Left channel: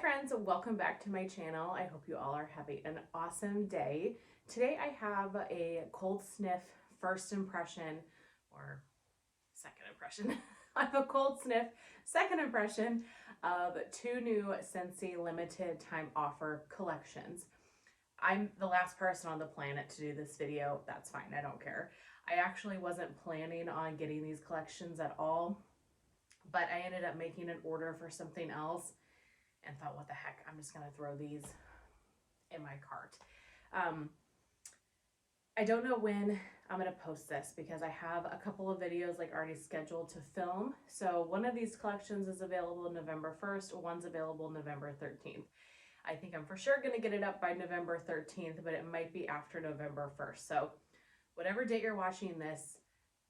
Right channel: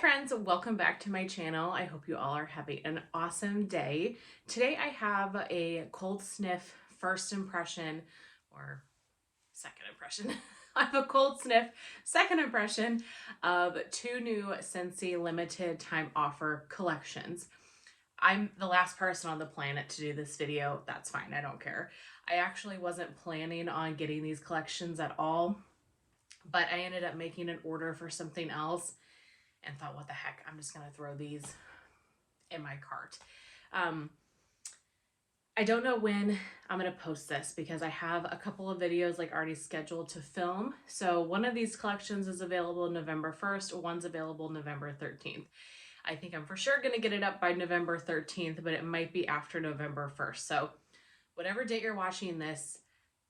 friends, welcome back to my channel. I hope you all are having an awesome day. Today I have a cold sniff first impression or second impression. I have a cold sniff second impression of two new Scentsy limited time offer collections. I'm the last person on the planet to do this video. That's fine, I don't care. I actually wasn't planning on getting these collections at all, but I ended up making an order for something else and thought, what the heck, I'm just gonna throw these in my cart. I don't know when I'm gonna post this because I have a couple of videos like already scheduled to film. So one of these collections is available November 1st, one's available November 13th. I think I'm for sure gonna get it up by November 13th, but it might be after November 1st. So whatever date you're watching this,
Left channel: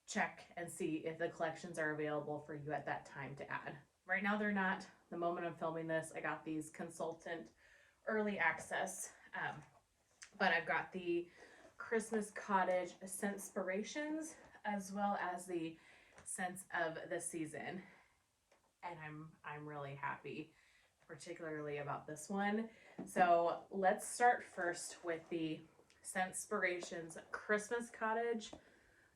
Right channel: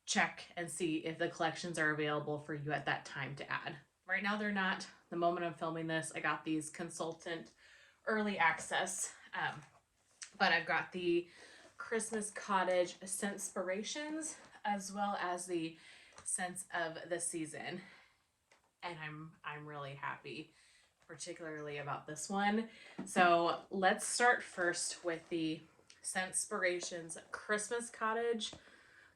check and see if the collections are available for you at that time to add. Right now they're not. The moment I'm filming this, I got these consultant early access, but I've got the Christmas Cottage Scentspirations as well as the Scents of the Season, and I'm really happy, particularly about this one. So let's start first with the Scentspirations Christmas Cottage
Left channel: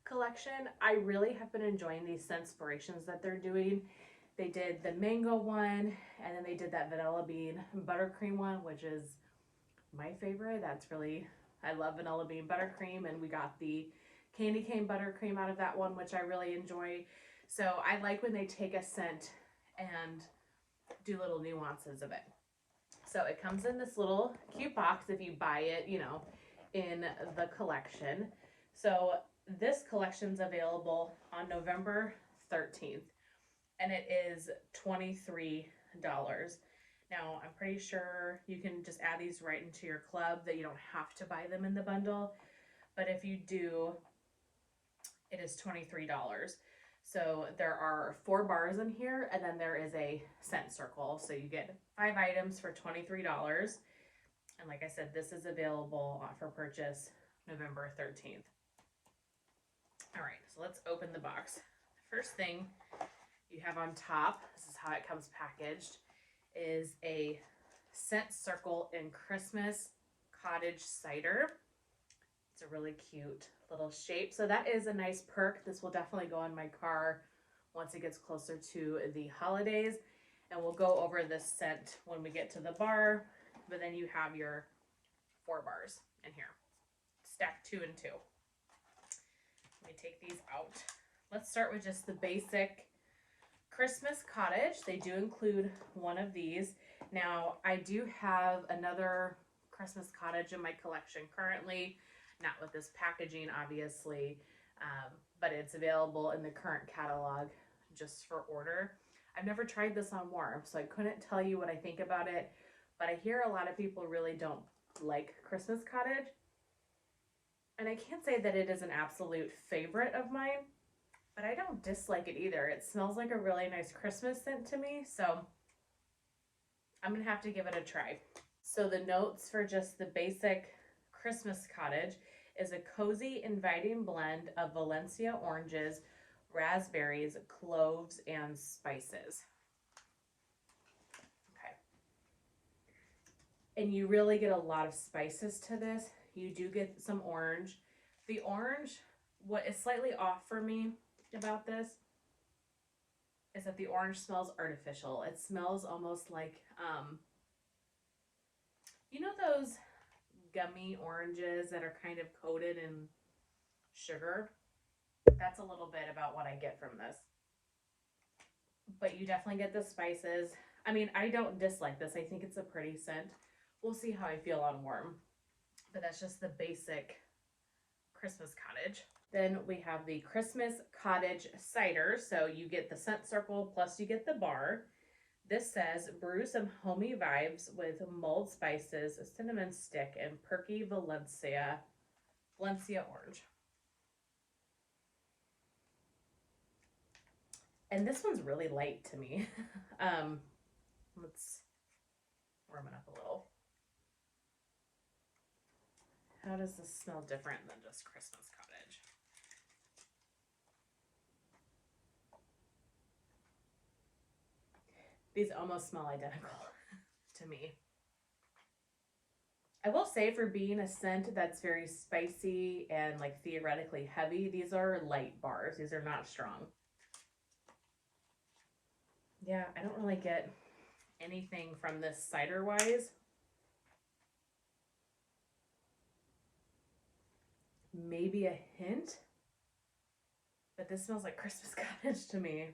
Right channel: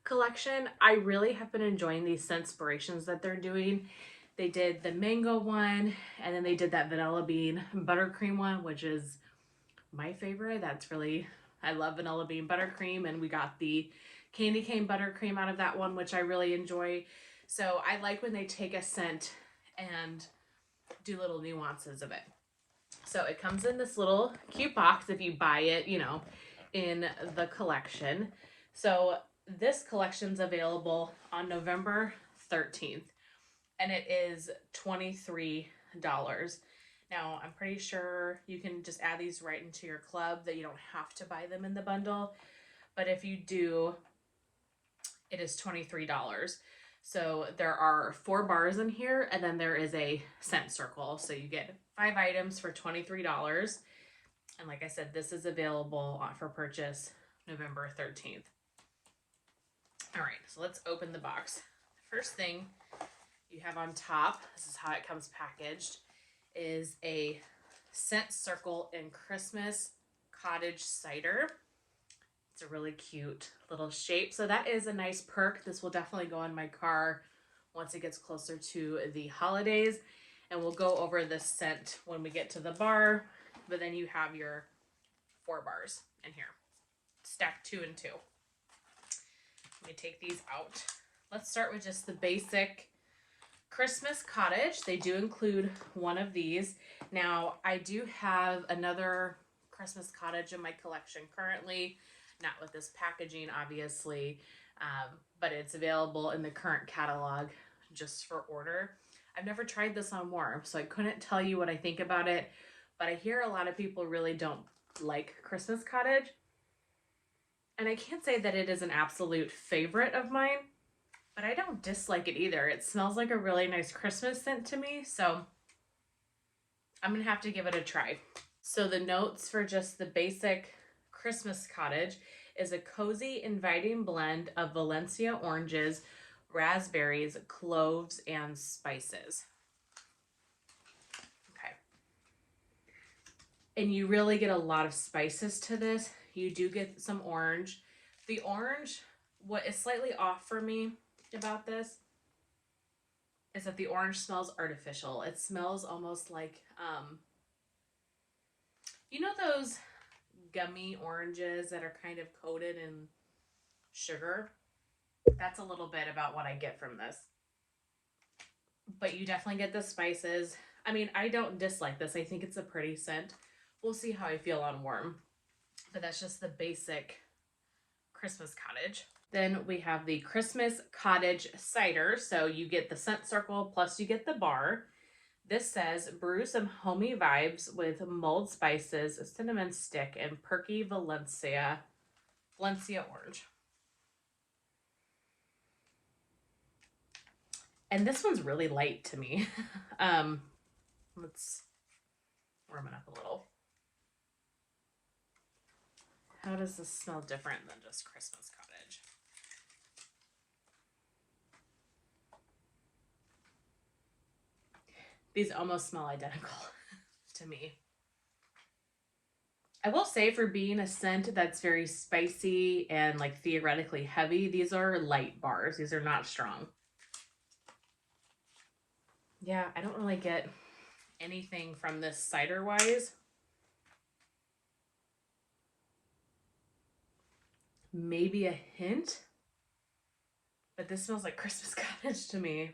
collection. I really have been enjoying these Scentspirations that they're doing. They did the mango one, and then they did that vanilla bean buttercream one, which is my favorite. That's really, I love vanilla bean buttercream, and we got the candy cane buttercream out of that one, which I really enjoy. So I like when they take a scent and do little nuances of it. So it comes in this little cute box if you buy it, you know, in the collection. So this collection's available on November 13th. And it is $23. Now, I'm pretty sure you can just add these right into your club, that you don't have to buy them in the bundle. But if you do, it is $23. So there are 4 bars in here, and then there is a scent circle. So you get 5 items for $23. And like I said, this is available for purchase November 13th. All right, so let's open the box. The first thing you have on top, this is how it comes packaged, is a scent circle in Christmas cottage cider. It's a really cute little shape. So that is a nice perk. This will definitely go in my car once it gets closer to the holidays. And we'll go over this scent when we get to the bar. But then you have your 4 bars in here, stacked 2 and 2. Let me take these out. Let's start with just the basic Christmas Cottage. They do include one of these. Now, I do have another Christmas Cottage in my collection currently, not with this packaging, obviously, but it's available in the current catalog just for order. I've never tried this on warm, so I couldn't tell you what I think about it, but I hear a lot of people really don't like Christmas Cottage, and I can't say that it is an absolute favorite of mine, but I don't dislike it either. It smells like a really nice Christmas scent to me, so I'm gonna have to give it a try. So the notes for just the basic Christmas Cottage is a cozy, inviting blend of Valencia oranges, raspberries, cloves, and spices. Okay. And you really get a lot of spices to this. You do get some orange. The orange, what is slightly off for me about this is that the orange smells artificial. It smells almost like, you know those gummy oranges that are kind of coated in sugar? That's a little bit about what I get from this. But you definitely get the spices. I mean, I don't dislike this. I think it's a pretty scent. We'll see how I feel on warm. But that's just the basic Christmas Cottage. Then we have the Christmas Cottage Cider. So you get the scent circle, plus you get the bar. This says, brew some homey vibes with mulled spices, a cinnamon stick, and perky Valencia orange. And this one's really light to me. Let's warm it up a little. How does this smell different than just Christmas Cottage? These almost smell identical. to me. I will say, for being a scent that's very spicy and like theoretically heavy, these are light bars. These are not strong. Yeah, I don't really get anything from this cider wise. Maybe a hint, but this smells like Christmas cottage to me.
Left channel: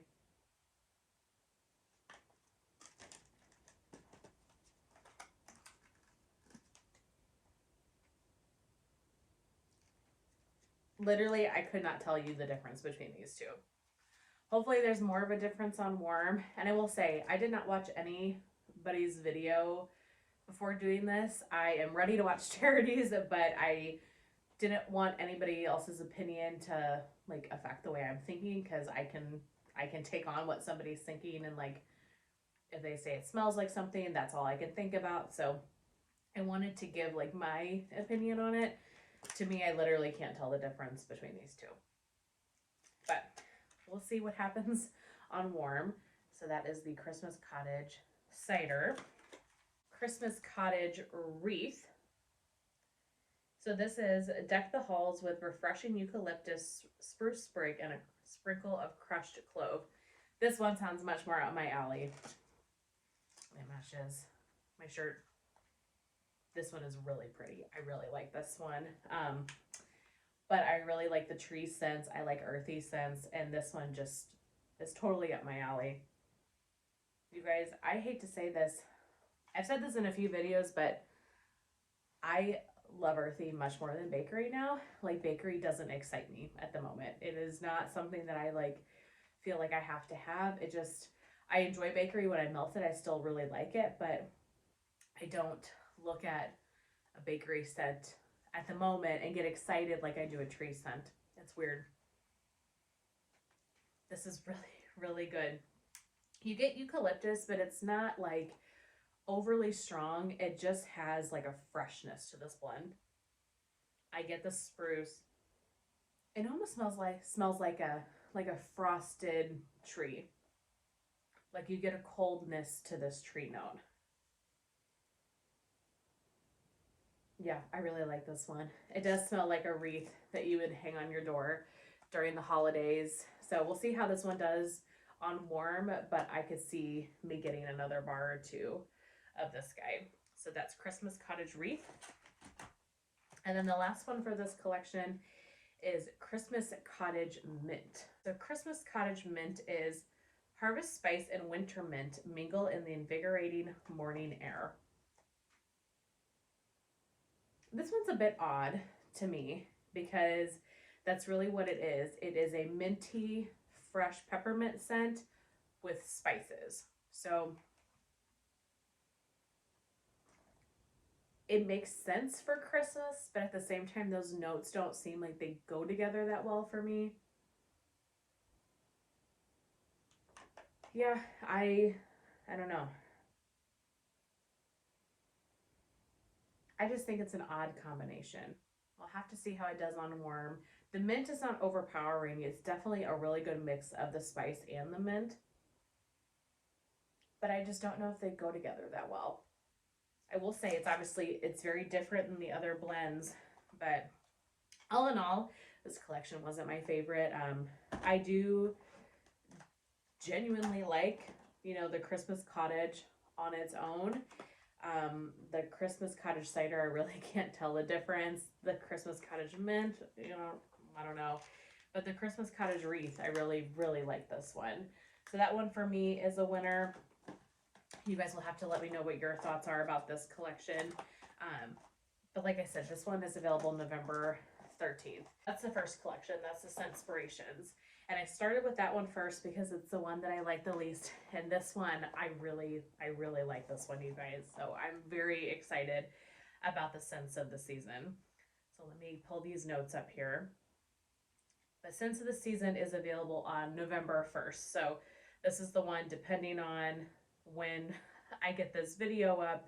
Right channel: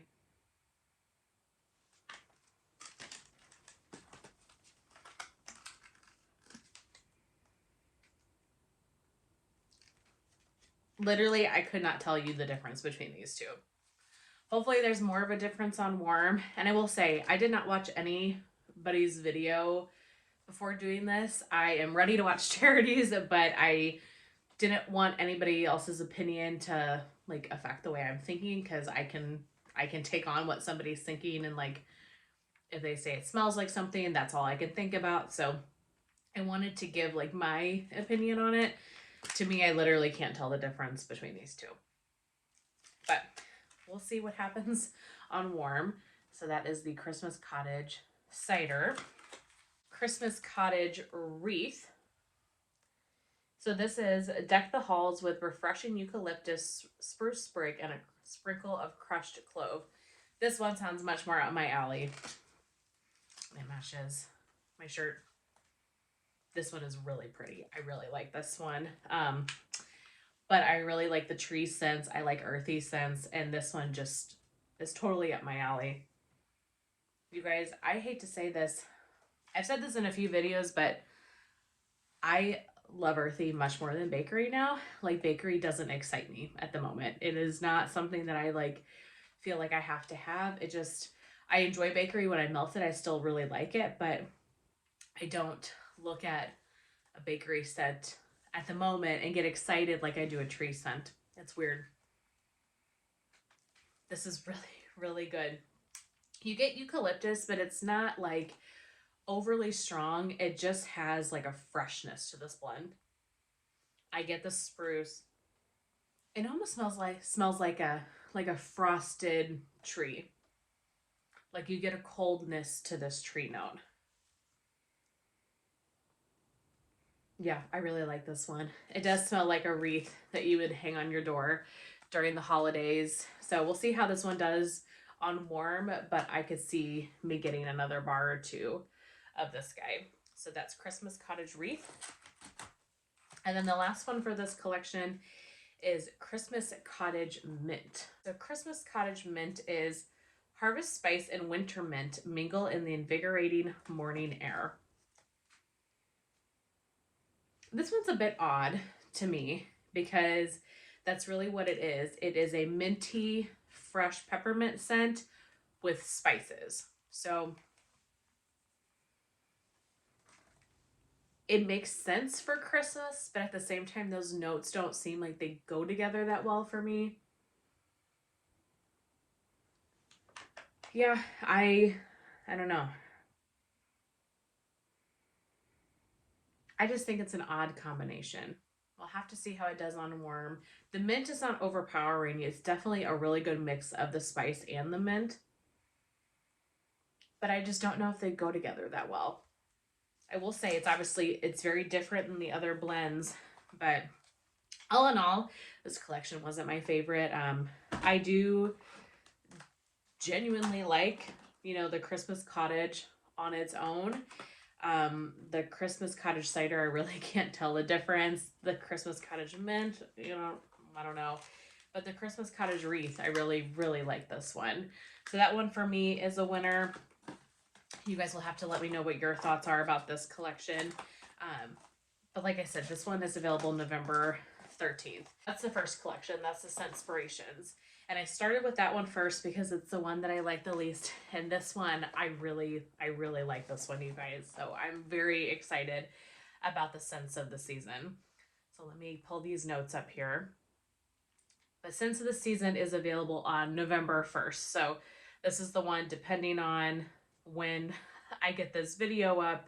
Literally, I could not tell you the difference between these two. Hopefully there's more of a difference on warm. And I will say, I did not watch anybody's video before doing this. I am ready to watch Charity's, but I didn't want anybody else's opinion to like affect the way I'm thinking, because I can take on what somebody's thinking, and like if they say it smells like something, that's all I can think about. So I wanted to give like my opinion on it. To me, I literally can't tell the difference between these two. But we'll see what happens on warm. So that is the Christmas Cottage Cider. Christmas Cottage Wreath. So this is deck the halls with refreshing eucalyptus, spruce sprig, and a sprinkle of crushed clove. This one sounds much more up my alley. It matches my shirt. This one is really pretty. I really like this one. But I really like the tree scents. I like earthy scents. And this one just is totally up my alley. You guys, I hate to say this. I've said this in a few videos, but I love earthy much more than bakery now. Like, bakery doesn't excite me at the moment. It is not something that I like feel like I have to have. It just, I enjoy bakery when I melt it. I still really like it, but I don't look at a bakery scent at the moment and get excited like I do a tree scent. It's weird. This is really, really good. You get eucalyptus, but it's not like overly strong. It just has like a freshness to this blend. I get the spruce. It almost smells like a frosted tree. Like you get a coldness to this tree note. Yeah, I really like this one. It does smell like a wreath that you would hang on your door during the holidays. So we'll see how this one does on warm, but I could see me getting another bar or two of this guy. So that's Christmas Cottage Wreath. And then the last one for this collection is Christmas Cottage Mint. So Christmas Cottage Mint is harvest spice and winter mint mingle in the invigorating morning air. This one's a bit odd to me because that's really what it is. It is a minty, fresh peppermint scent with spices. So it makes sense for Christmas, but at the same time, those notes don't seem like they go together that well for me. Yeah, I don't know. I just think it's an odd combination. I'll have to see how it does on warm. The mint is not overpowering. It's definitely a really good mix of the spice and the mint. But I just don't know if they go together that well. I will say it's very different than the other blends, but all in all, this collection wasn't my favorite. I do genuinely like, the Christmas Cottage on its own. The Christmas Cottage Cider, I really can't tell the difference. The Christmas Cottage Mint, I don't know. But the Christmas Cottage Wreath, I really, really like this one. So that one for me is a winner. You guys will have to let me know what your thoughts are about this collection. But like I said, this one is available November 13th. That's the first collection. That's the Scentspirations. And I started with that one first because it's the one that I like the least. And this one, I really like this one, you guys. So I'm very excited about the scents of the season. So let me pull these notes up here. The Scents of the Season is available on November 1st. So this is the one, depending on when I get this video up,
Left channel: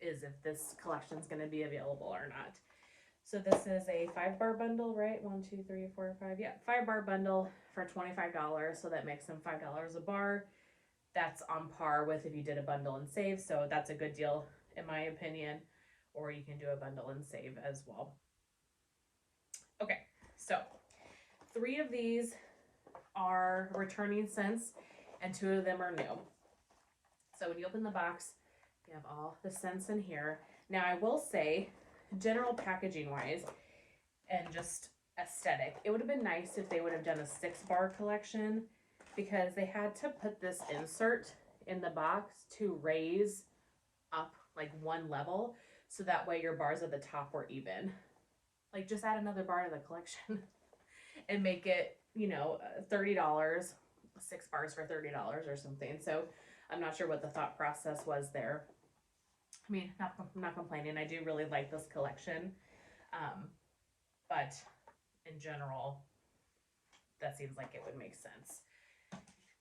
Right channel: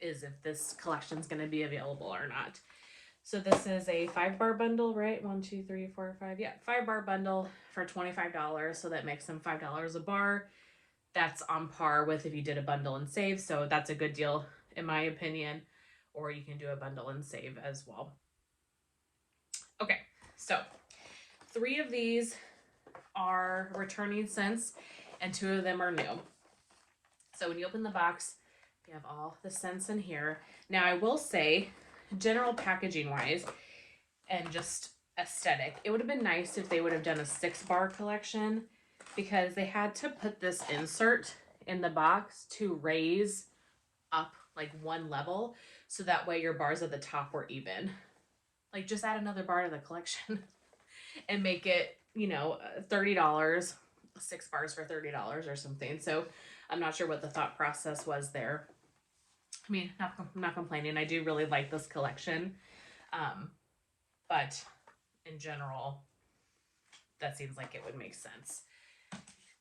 is if this collection is going to be available or not. So this is a 5-bar bundle, right? 1, 2, 3, 4, 5. Yeah, 5-bar bundle for $25. So that makes them $5 a bar. that's on par with if you did a bundle and save. So that's a good deal in my opinion, or you can do a bundle and save as well. Okay, so 3 of these are returning scents and 2 of them are new. So when you open the box, you have all the scents in here. Now I will say, general packaging wise and just aesthetic, it would have been nice if they would have done a 6-bar collection, because they had to put this insert in the box to raise up like 1 level, so that way your bars at the top were even. Like, just add another bar to the collection and make it, you know, $30, 6 bars for $30 or something. So I'm not sure what the thought process was there. I mean, I'm not complaining. I do really like this collection. But in general, that seems like it would make sense.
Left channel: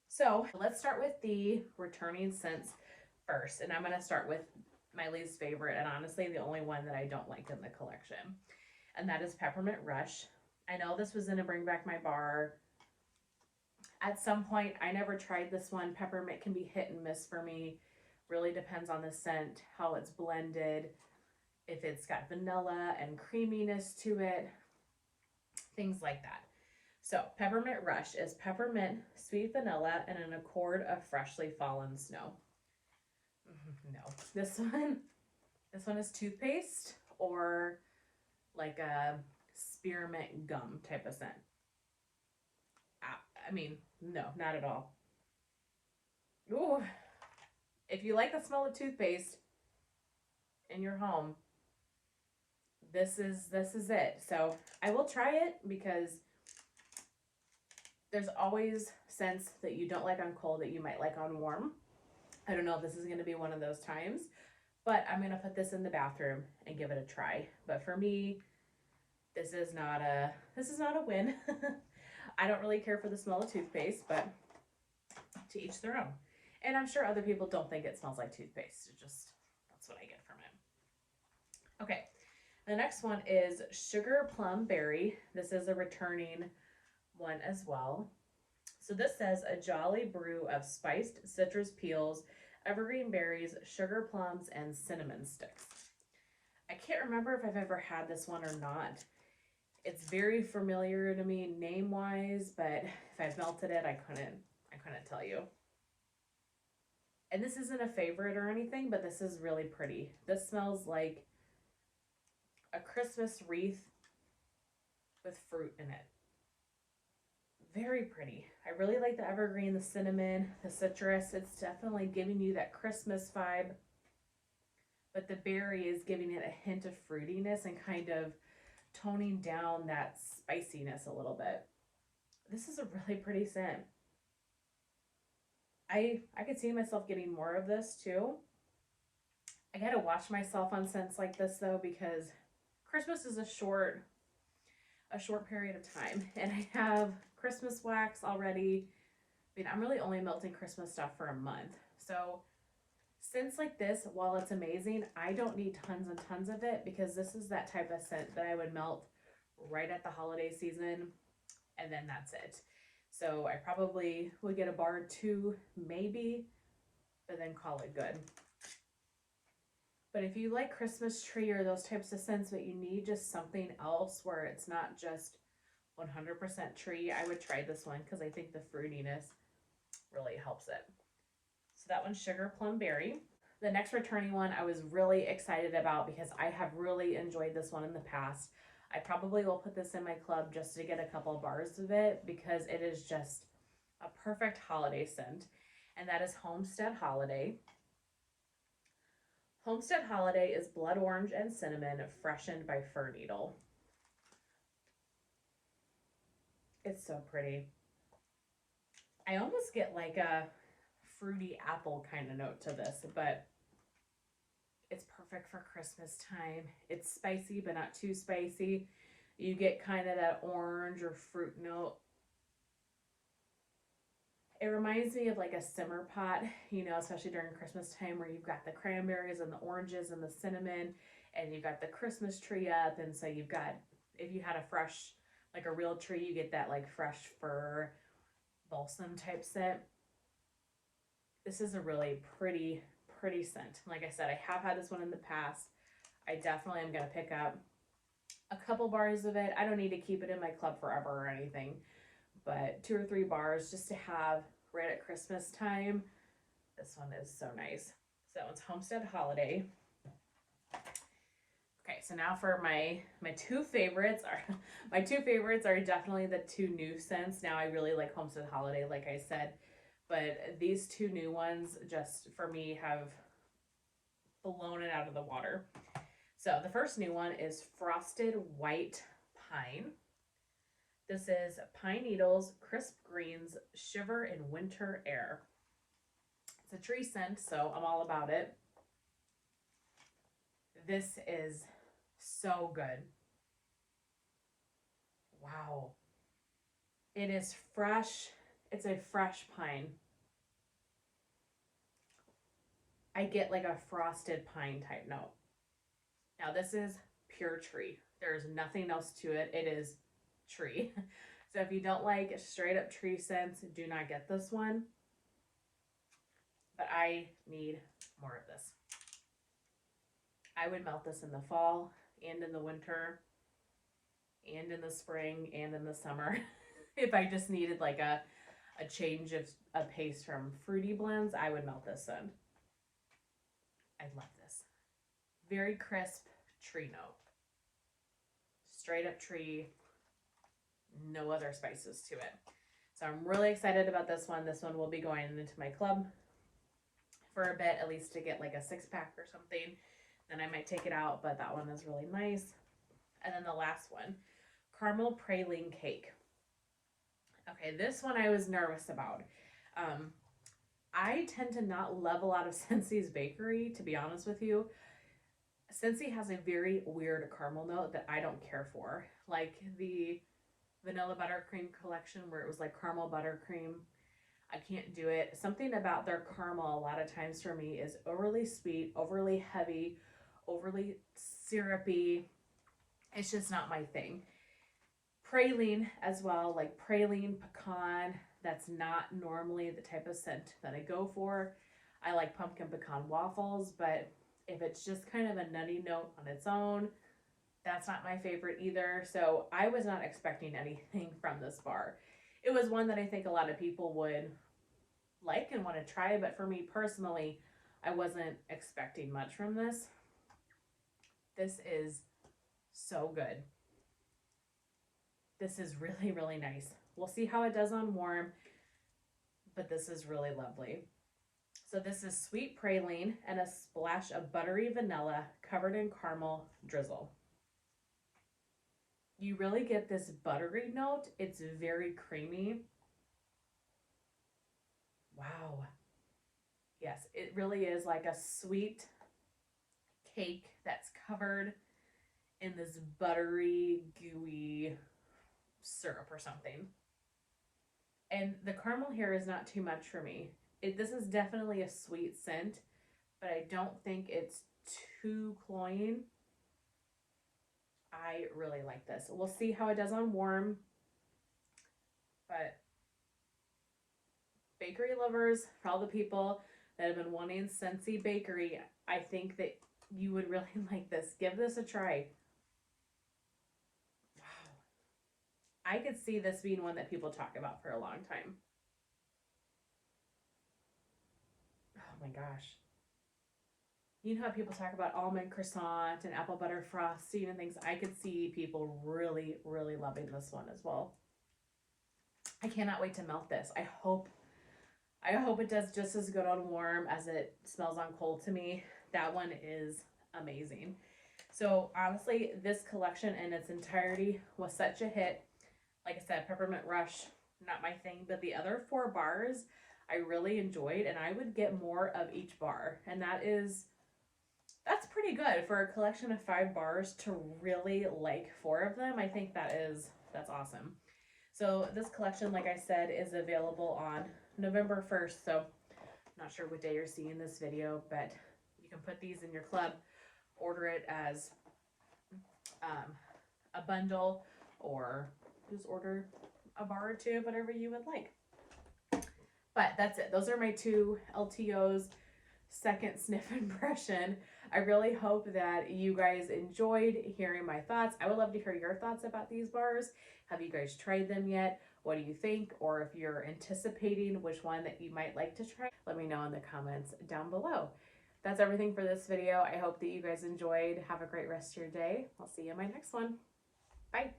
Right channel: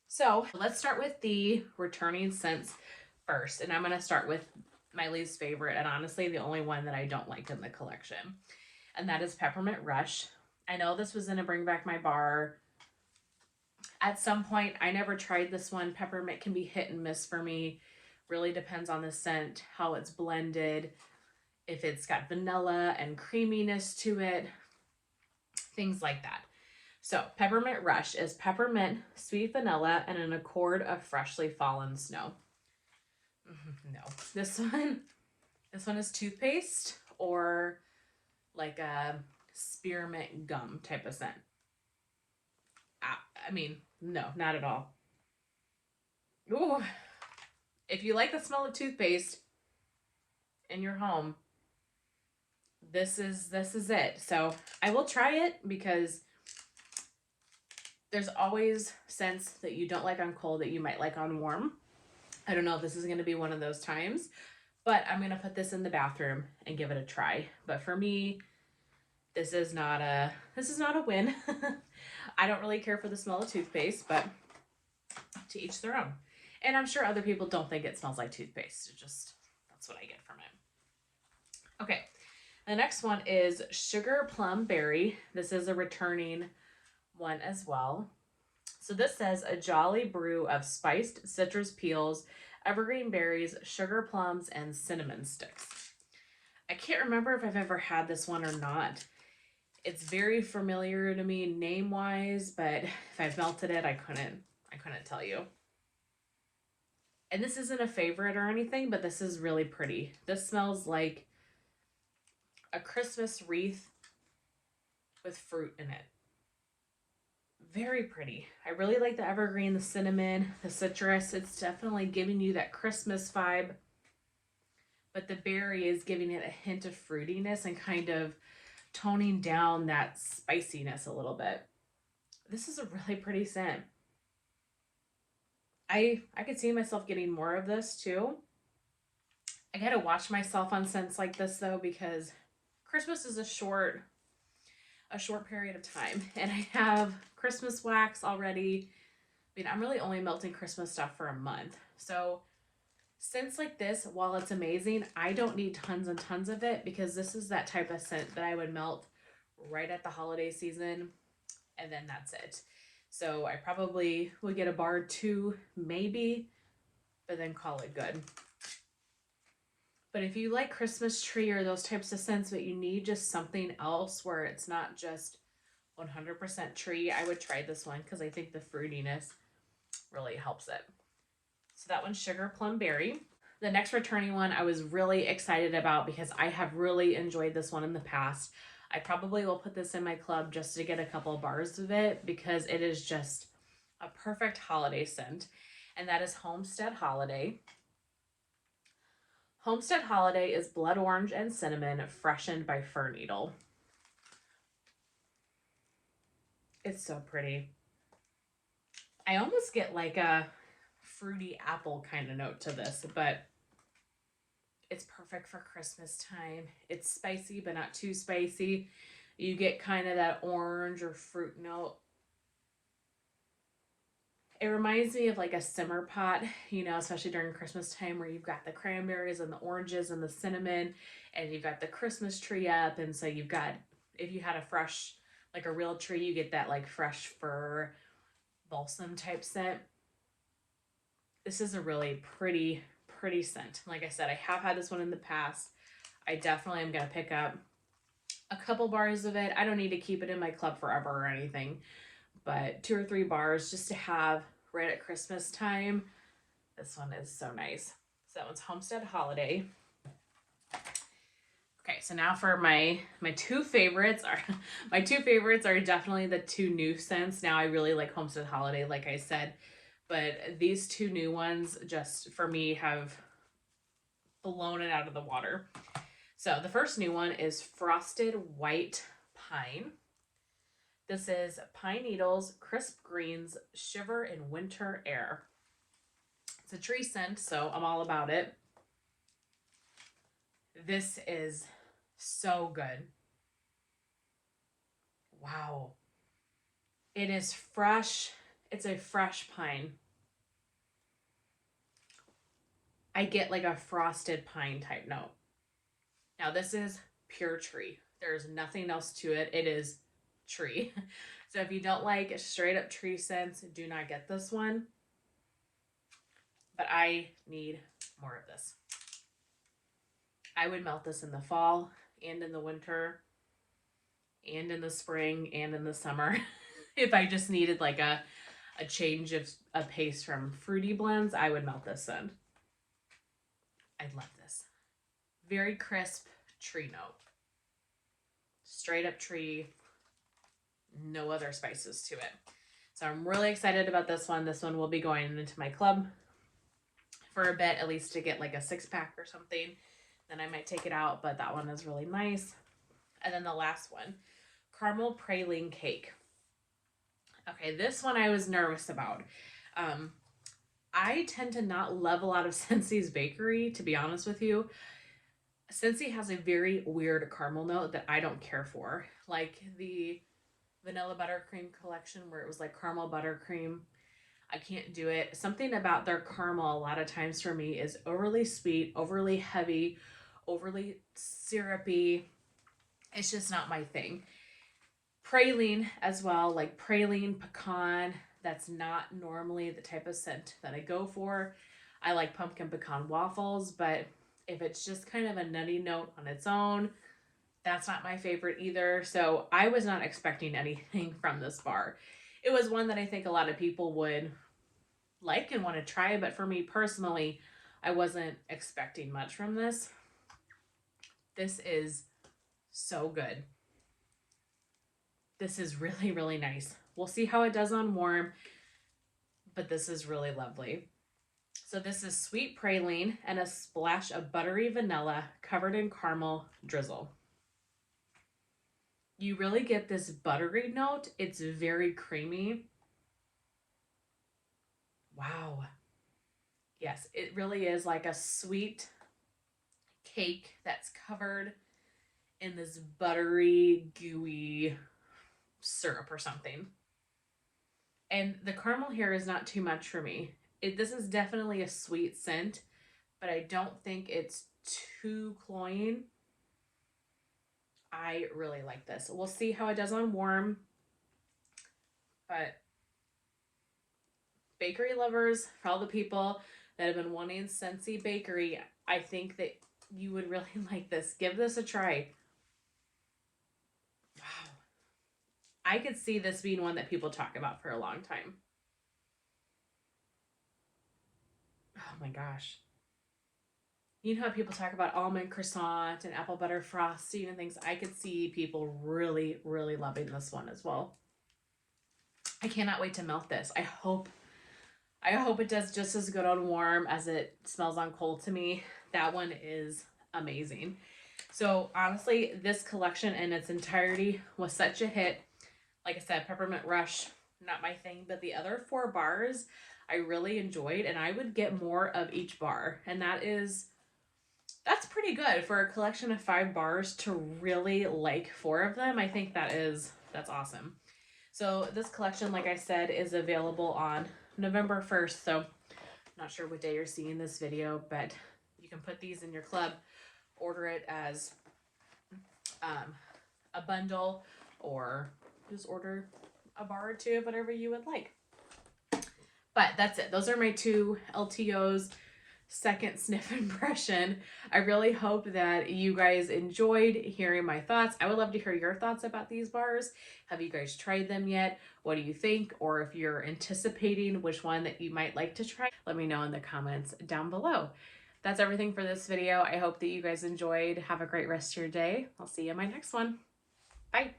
So let's start with the returning scents first. And I'm going to start with my least favorite, and honestly the only one that I don't like in the collection. And that is Peppermint Rush. I know this was going to bring back my bar at some point. I never tried this one. Peppermint can be hit and miss for me. Really depends on the scent, how it's blended, if it's got vanilla and creaminess to it, things like that. So Peppermint Rush is peppermint, sweet vanilla, and an accord of freshly fallen snow. No, this one is toothpaste or like a spearmint gum type of scent. I mean, no, not at all. Ooh. If you like the smell of toothpaste in your home, this is it. So I will try it, because there's always scents that you don't like on cold that you might like on warm. I don't know if this is going to be one of those times, but I'm going to put this in the bathroom and give it a try. But for me, this is not a win. I don't really care for the smell of toothpaste, but to each their own. And I'm sure other people don't think it smells like toothpaste. That's what I get from it. Okay, the next one is Sugar Plum Berry. This is a returning one as well. So this says a jolly brew of spiced citrus peels, evergreen berries, sugar plums, and cinnamon sticks. I can't remember if I've ever had this one or not. It's very familiar to me name-wise, but if I've melted it, I couldn't tell you. And this isn't a favorite or anything, but this is really pretty. This smells like a Christmas wreath with fruit in it. Very pretty. I really like the evergreen, the cinnamon, the citrus. It's definitely giving you that Christmas vibe, but the berry is giving it a hint of fruitiness and kind of toning down that spiciness a little bit. This is a really pretty scent. I could see myself getting more of this too. I gotta watch myself on scents like this though, because Christmas is a short period of time, and I have Christmas wax already. I mean, I'm really only melting Christmas stuff for a month. So scents like this, while it's amazing, I don't need tons and tons of it, because this is that type of scent that I would melt right at the holiday season, and then that's it. So I probably would get a bar or 2 maybe, but then call it good. But if you like Christmas tree or those types of scents, but you need just something else where it's not just 100% tree, I would try this one, because I think the fruitiness really helps it. So that one's Sugar Plum Berry. The next returning one I was really excited about, because I have really enjoyed this one in the past. I probably will put this in my club just to get a couple of bars of it, because it is just a perfect holiday scent. And that is Homestead Holiday. Homestead Holiday is blood orange and cinnamon, freshened by fir needle. It's so pretty. I almost get like a fruity apple kind of note to this, but it's perfect for Christmas time. It's spicy, but not too spicy. You get kind of that orange or fruit note. It reminds me of like a simmer pot, you know, especially during Christmas time, where you've got the cranberries and the oranges and the cinnamon, and you've got the Christmas tree up. And so you've got, if you had a fresh, like a real tree, you get that like fresh fir balsam type scent. This is a really pretty scent. Like I said, I have had this one in the past. I definitely am going to pick up a couple bars of it. I don't need to keep it in my club forever or anything, but 2 or 3 bars just to have right at Christmas time. This one is so nice. So that one's Homestead Holiday. Okay, so now for my two favorites are definitely the 2 new scents. Now I really like Homestead Holiday, like I said, but these 2 new ones just for me have blown it out of the water. So the first new one is Frosted White Pine. This is pine needles, crisp greens, shiver in winter air. It's a tree scent, so I'm all about it. This is so good. Wow. It is fresh. It's a fresh pine. I get like a frosted pine type note. Now this is pure tree. There's nothing else to it. It is tree. So if you don't like straight up tree scents, do not get this one. But I need more of this. I would melt this in the fall and in the winter and in the spring and in the summer if I just needed like a change of a pace from fruity blends. I would melt this in. I love this. Very crisp tree note. Straight up tree, no other spices to it. So I'm really excited about this one. This one will be going into my club for a bit, at least to get like a 6-pack or something. Then I might take it out, but that one is really nice. And then the last one, Caramel Praline Cake. Okay, this one I was nervous about. I tend to not love a lot of Scentsy's bakery, to be honest with you. Scentsy has a very weird caramel note that I don't care for. Like the vanilla buttercream collection where it was like caramel buttercream. I can't do it. Something about their caramel a lot of times for me is overly sweet, overly heavy, overly syrupy. It's just not my thing. Praline as well, like praline pecan. That's not normally the type of scent that I go for. I like pumpkin pecan waffles, but if it's just kind of a nutty note on its own, that's not my favorite either. So I was not expecting anything from this bar. It was one that I think a lot of people would like and want to try, but for me personally, I wasn't expecting much from this. This is so good. This is really, really nice. We'll see how it does on warm, but this is really lovely. So this is sweet praline and a splash of buttery vanilla covered in caramel drizzle. You really get this buttery note. It's very creamy. Wow. Yes, it really is like a sweet cake that's covered in this buttery, gooey syrup or something. And the caramel here is not too much for me. This is definitely a sweet scent, but I don't think it's too cloying. I really like this. We'll see how it does on warm, but bakery lovers, for all the people that have been wanting Scentsy bakery, I think that you would really like this. Give this a try. Wow. I could see this being one that people talk about for a long time. Oh my gosh. You know how people talk about almond croissant and apple butter frosting and things? I could see people really, really loving this one as well. I cannot wait to melt this. I hope it does just as good on warm as it smells on cold to me. That one is amazing. So honestly, this collection in its entirety was such a hit. Like I said, Peppermint Rush, not my thing, but the other 4 bars I really enjoyed, and I would get more of each bar. And that's pretty good for a collection of 5 bars to really like 4 of them. I think that's awesome. So this collection, like I said, is available on November 1st. So I'm not sure what day you're seeing this video, but you can put these in your club, order it as a bundle, or just order a bar or 2 of whatever you would like. But that's it. Those are my two LTOs, second sniff impression. I really hope that you guys enjoyed hearing my thoughts. I would love to hear your thoughts about these bars. Have you guys tried them yet? What do you think? Or if you're anticipating which one that you might like to try, let me know in the comments down below. That's everything for this video. I hope that you guys enjoyed. Have a great rest of your day. I'll see you in my next one. Bye.